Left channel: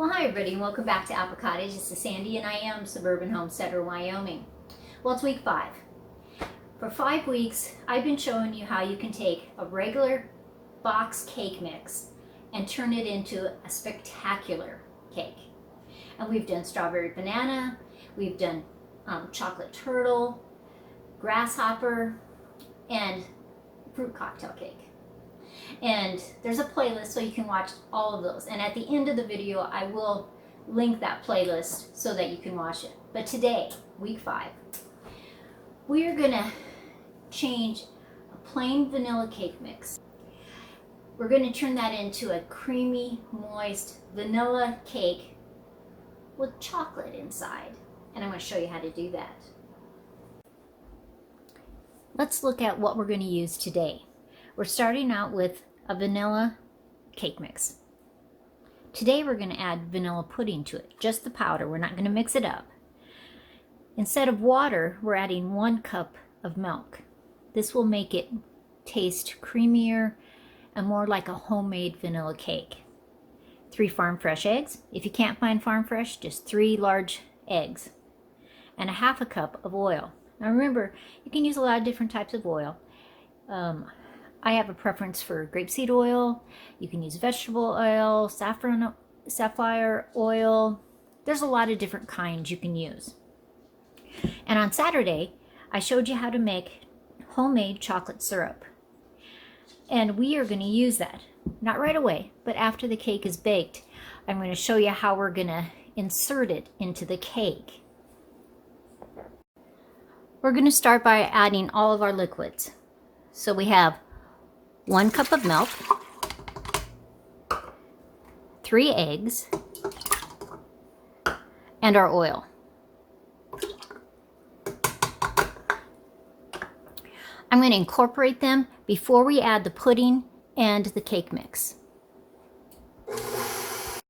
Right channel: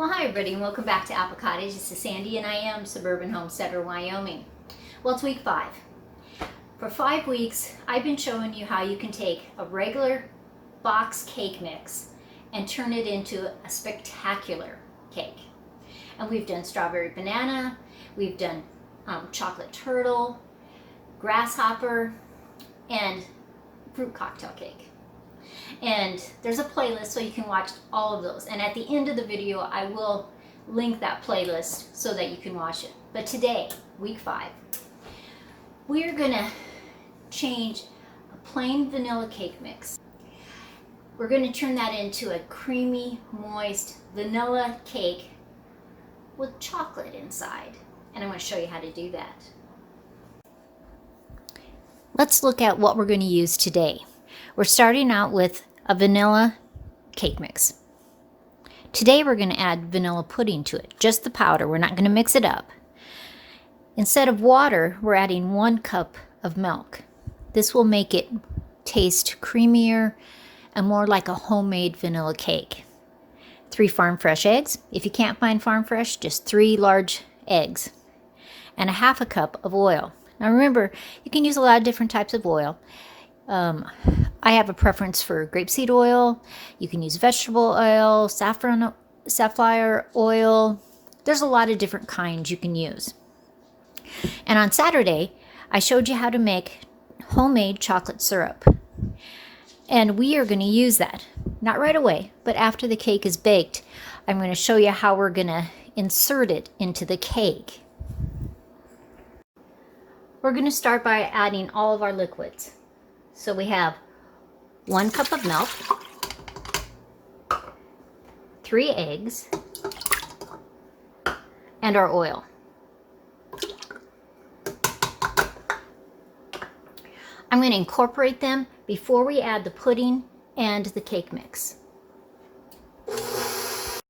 Well, hi everybody and welcome back to Apple Cottage. This is Sandy and I am Suburban Homesteader, Wyoming. Well, it's week 5. For 5 weeks, I've been showing you how you can take a regular box cake mix and turn it into a spectacular cake. And we've done strawberry banana, we've done chocolate turtle, grasshopper, and fruit cocktail cake. And there's a playlist so you can watch all of those. And at the end of the video, I will link that playlist so that you can watch it. But today, week 5, we're gonna change a plain vanilla cake mix. We're gonna turn that into a creamy, moist vanilla cake with chocolate inside. And I'm gonna show you how to do that. Let's look at what we're gonna use today. We're starting out with a vanilla cake mix. Today we're going to add vanilla pudding to it, just the powder. We're not going to mix it up. Instead of water, we're adding 1 cup of milk. This will make it taste creamier and more like a homemade vanilla cake. 3 farm fresh eggs. If you can't find farm fresh, just 3 large eggs. And a 1/2 cup of oil. Now remember, you can use a lot of different types of oil. I have a preference for grapeseed oil. You can use vegetable oil, safflower oil. There's a lot of different kinds you can use. And on Saturday, I showed you how to make homemade chocolate syrup. And we are going to use that. Not right away, but after the cake is baked, I'm going to show you how we're going to insert it into the cake. We're going to start by adding all of our liquids. So we have 1 cup of milk, 3 eggs, and our oil. I'm going to incorporate them before we add the pudding and the cake mix.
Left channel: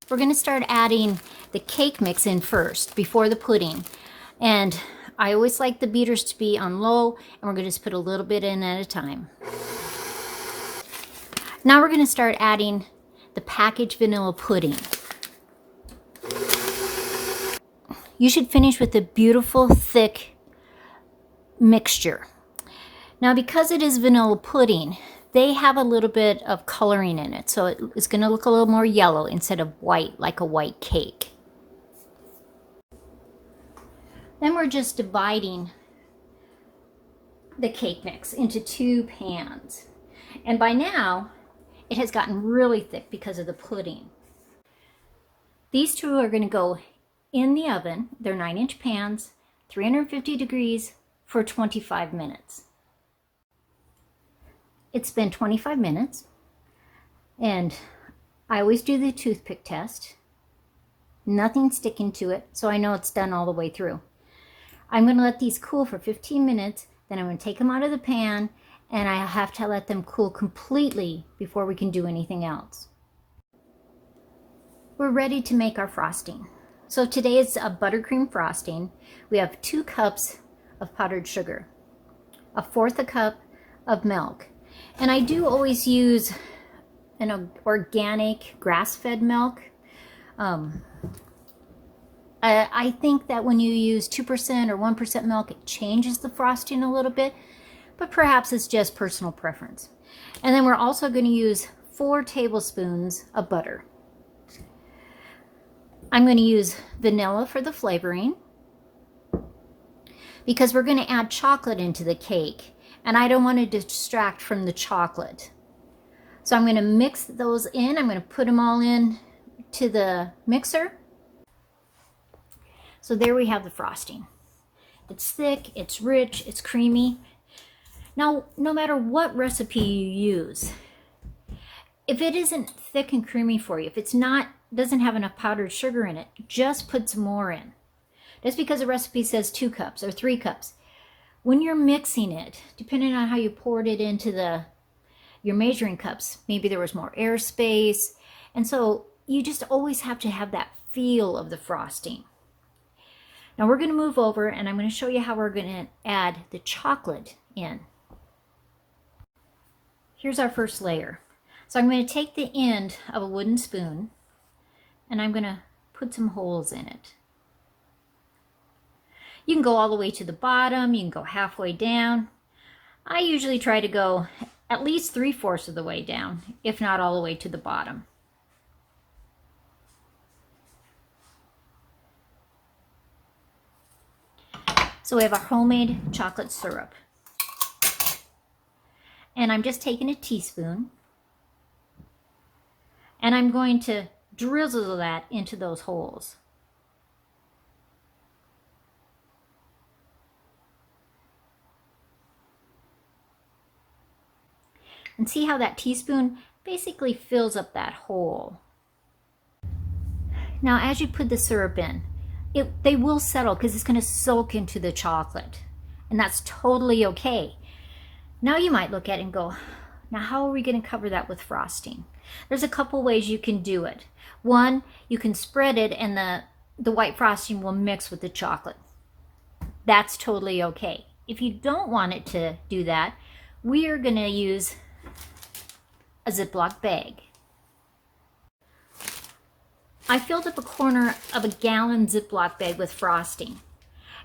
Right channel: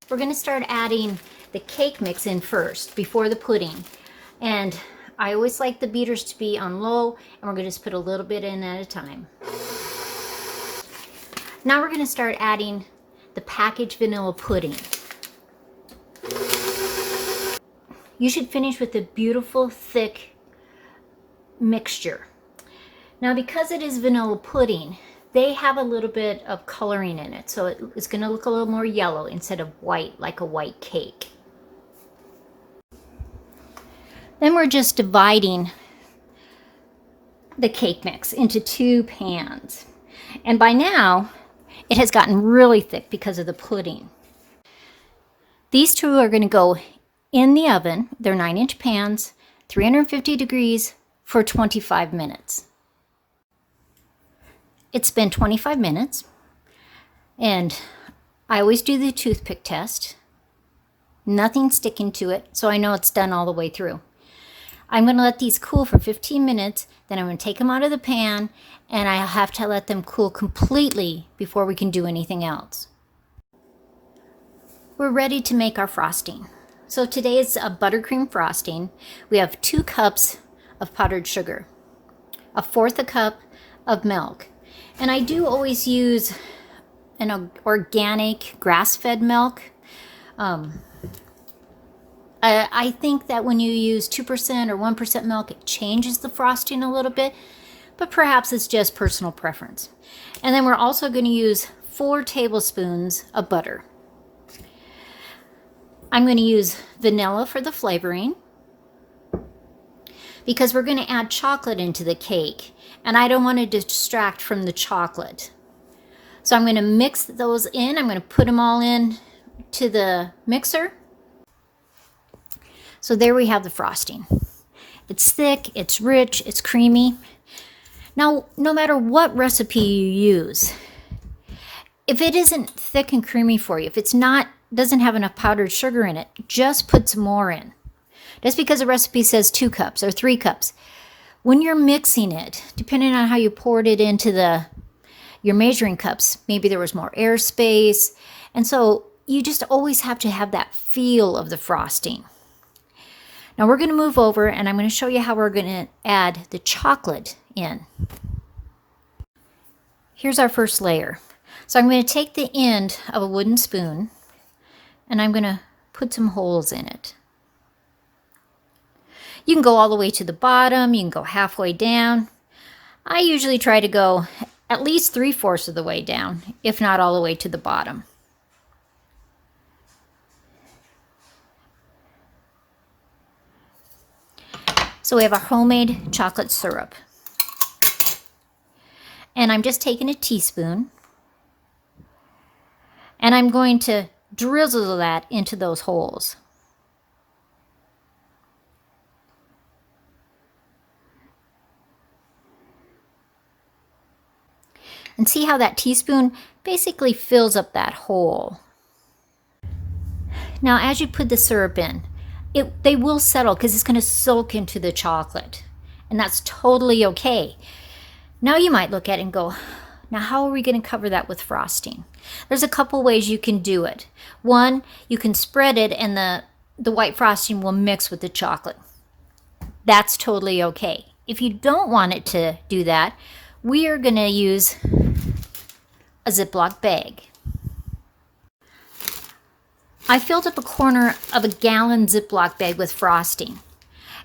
We're going to start adding the cake mix in first before the pudding. And I always like the beaters to be on low, and we're going to just put a little bit in at a time. Now we're going to start adding the packaged vanilla pudding. You should finish with a beautiful, thick mixture. Now because it is vanilla pudding, they have a little bit of coloring in it, so it's going to look a little more yellow instead of white, like a white cake. Then we're just dividing the cake mix into 2 pans. And by now, it has gotten really thick because of the pudding. These 2 are going to go in the oven. They're 9-inch pans, 350 degrees for 25 minutes. It's been 25 minutes, and I always do the toothpick test. Nothing sticking to it, so I know it's done all the way through. I'm going to let these cool for 15 minutes, then I'm going to take them out of the pan, and I have to let them cool completely before we can do anything else. We're ready to make our frosting. So today is a buttercream frosting. We have 2 cups of powdered sugar, 1/4 cup of milk, and I do always use an organic grass-fed milk. I think that when you use 2% or 1% milk, it changes the frosting a little bit, but perhaps it's just personal preference. And then we're also going to use 4 tablespoons of butter. I'm going to use vanilla for the flavoring because we're going to add chocolate into the cake, and I don't want to distract from the chocolate. So I'm going to mix those in. I'm going to put them all in to the mixer. So there we have the frosting. It's thick, it's rich, it's creamy. Now, no matter what recipe you use, if it isn't thick and creamy for you, if it's doesn't have enough powdered sugar in it, just put some more in. Just because a recipe says 2 cups or 3 cups, when you're mixing it, depending on how you poured it into your measuring cups, maybe there was more airspace, and so you just always have to have that feel of the frosting. Now we're going to move over, and I'm going to show you how we're going to add the chocolate in. Here's our first layer. So I'm going to take the end of a wooden spoon, and I'm going to put some holes in it. You can go all the way to the bottom, you can go halfway down. I usually try to go at least 3/4 of the way down, if not all the way to the bottom. So we have our homemade chocolate syrup. And I'm just taking a teaspoon and I'm going to drizzle that into those holes. And see how that teaspoon basically fills up that hole. Now as you put the syrup in, they will settle because it's going to soak into the chocolate. And that's totally okay. Now you might look at it and go, now how are we going to cover that with frosting? There's a couple ways you can do it. One, you can spread it and the white frosting will mix with the chocolate. That's totally okay. If you don't want it to do that, we are going to use a Ziploc bag. I filled up a corner of a gallon Ziploc bag with frosting.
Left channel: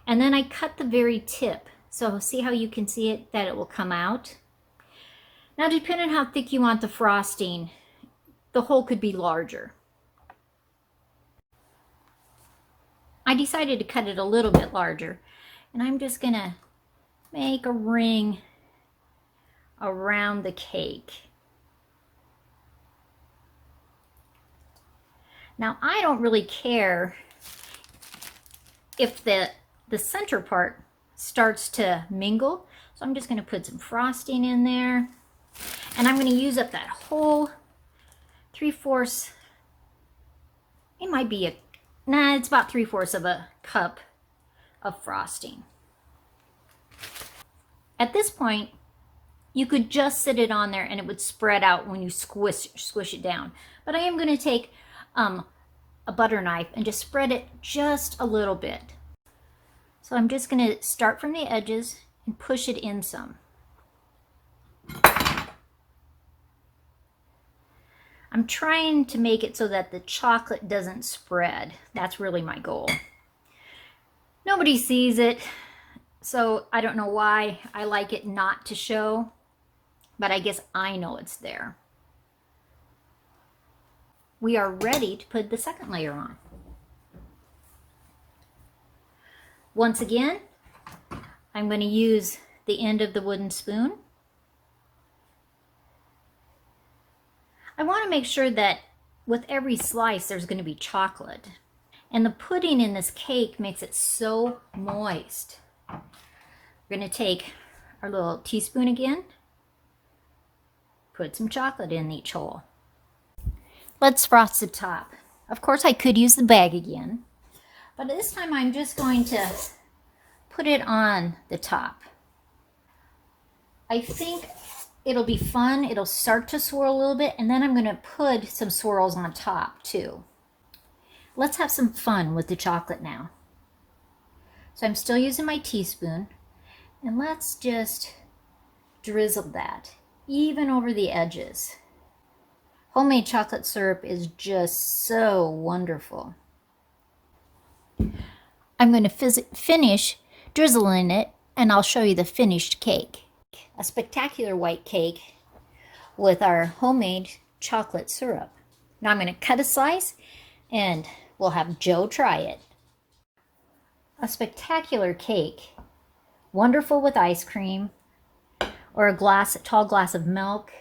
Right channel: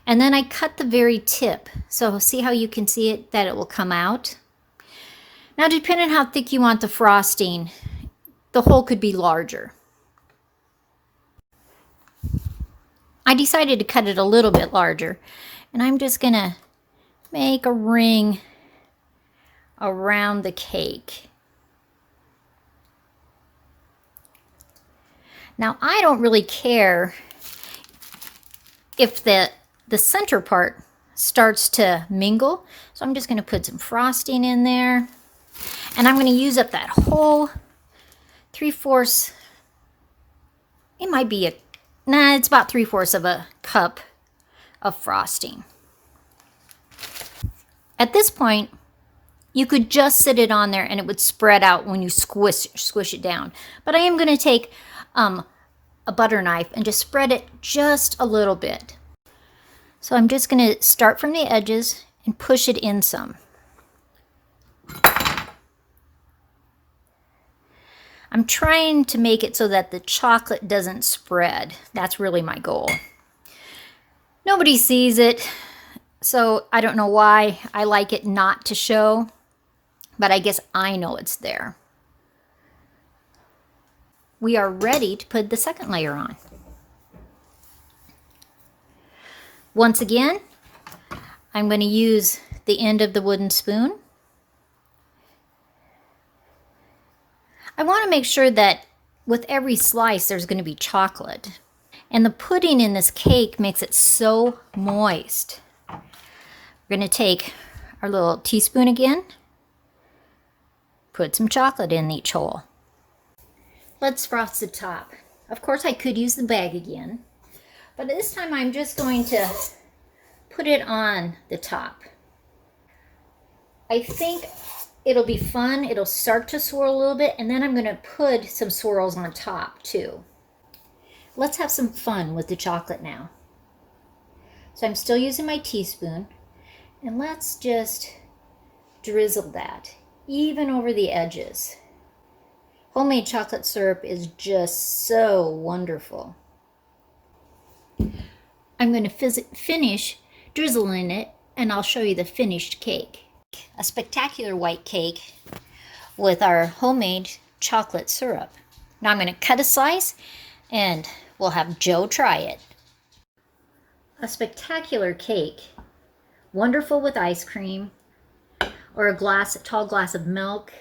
And then I cut the very tip. So see how you can see it, that it will come out. Now depending on how thick you want the frosting, the hole could be larger. I decided to cut it a little bit larger. And I'm just going to make a ring around the cake. Now I don't really care if the center part starts to mingle. So I'm just going to put some frosting in there. And I'm going to use up that whole 3/4. It might be it's about 3/4 of a cup of frosting. At this point, you could just sit it on there and it would spread out when you squish it down. But I am going to take a butter knife and just spread it just a little bit. So I'm just going to start from the edges and push it in some. I'm trying to make it so that the chocolate doesn't spread. That's really my goal. Nobody sees it, so I don't know why I like it not to show, but I guess I know it's there. We are ready to put the second layer on. Once again, I'm going to use the end of the wooden spoon. I want to make sure that with every slice there's going to be chocolate. And the pudding in this cake makes it so moist. We're going to take our little teaspoon again, put some chocolate in each hole. Let's frost the top. Of course I could use the bag again, but this time I'm just going to put it on the top. I think it'll be fun. It'll start to swirl a little bit, and then I'm going to put some swirls on top too. Let's have some fun with the chocolate now. So I'm still using my teaspoon, and let's just drizzle that even over the edges. Homemade chocolate syrup is just so wonderful. I'm going to finish drizzling it, and I'll show you the finished cake. A spectacular white cake with our homemade chocolate syrup. Now I'm going to cut a slice and we'll have Joe try it. A spectacular cake, wonderful with ice cream or a tall glass of milk.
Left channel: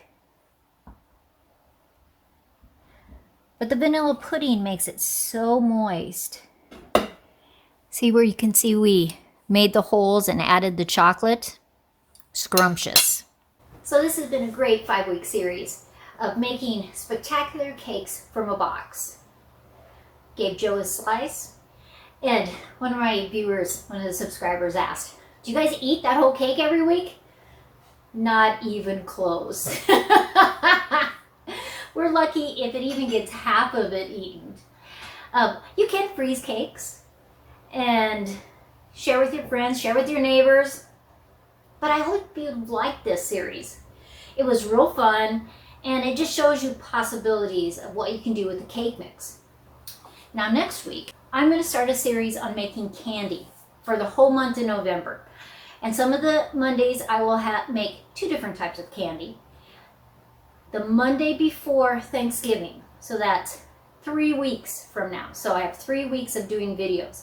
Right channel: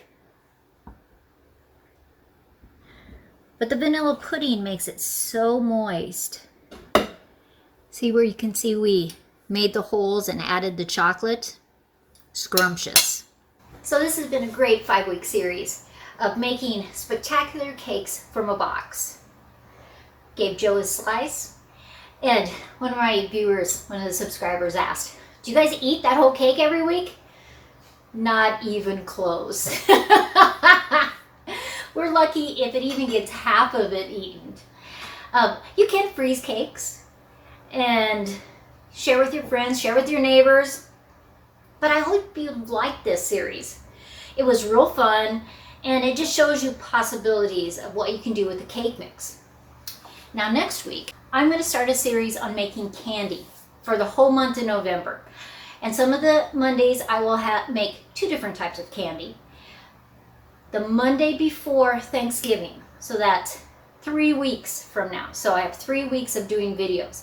But the vanilla pudding makes it so moist. See where you can see we made the holes and added the chocolate? Scrumptious. So this has been a great 5-week series of making spectacular cakes from a box. Gave Joe a slice, and one of my viewers, one of the subscribers asked, do you guys eat that whole cake every week? Not even close. We're lucky if it even gets half of it eaten. You can freeze cakes and share with your friends, share with your neighbors. But I hope you liked this series. It was real fun, and it just shows you possibilities of what you can do with the cake mix. Now next week, I'm going to start a series on making candy for the whole month of November. And some of the Mondays I will make 2 different types of candy. The Monday before Thanksgiving, so that's 3 weeks from now. So I have 3 weeks of doing videos.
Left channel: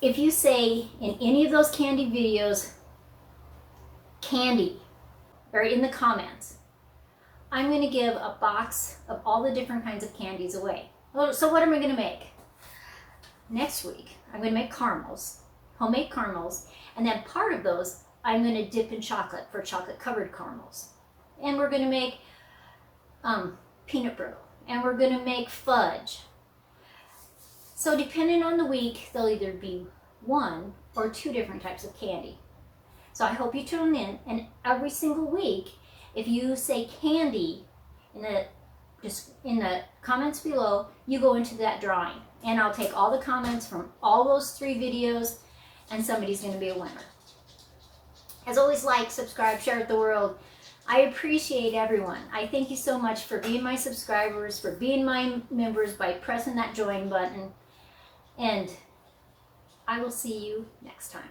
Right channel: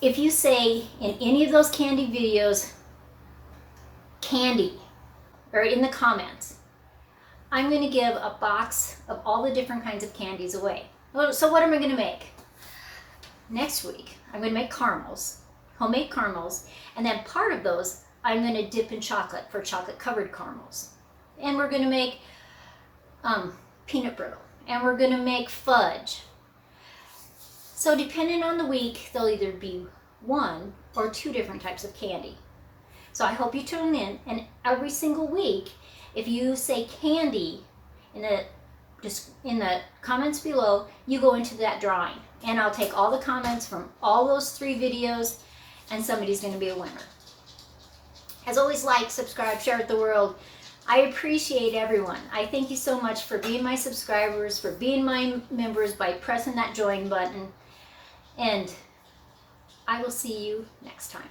If you say in any of those candy videos, candy, or in the comments, I'm going to give a box of all the different kinds of candies away. So what am I going to make? Next week, I'm going to make caramels, homemade caramels, and then part of those I'm going to dip in chocolate for chocolate covered caramels. And we're going to make peanut brittle, and we're going to make fudge. So depending on the week, there'll either be 1 or 2 different types of candy. So I hope you tune in, and every single week, if you say candy in the comments below, you go into that drawing. And I'll take all the comments from all those 3 videos, and somebody's going to be a winner. As always, like, subscribe, share with the world. I appreciate everyone. I thank you so much for being my subscribers, for being my members by pressing that join button. And I will see you next time.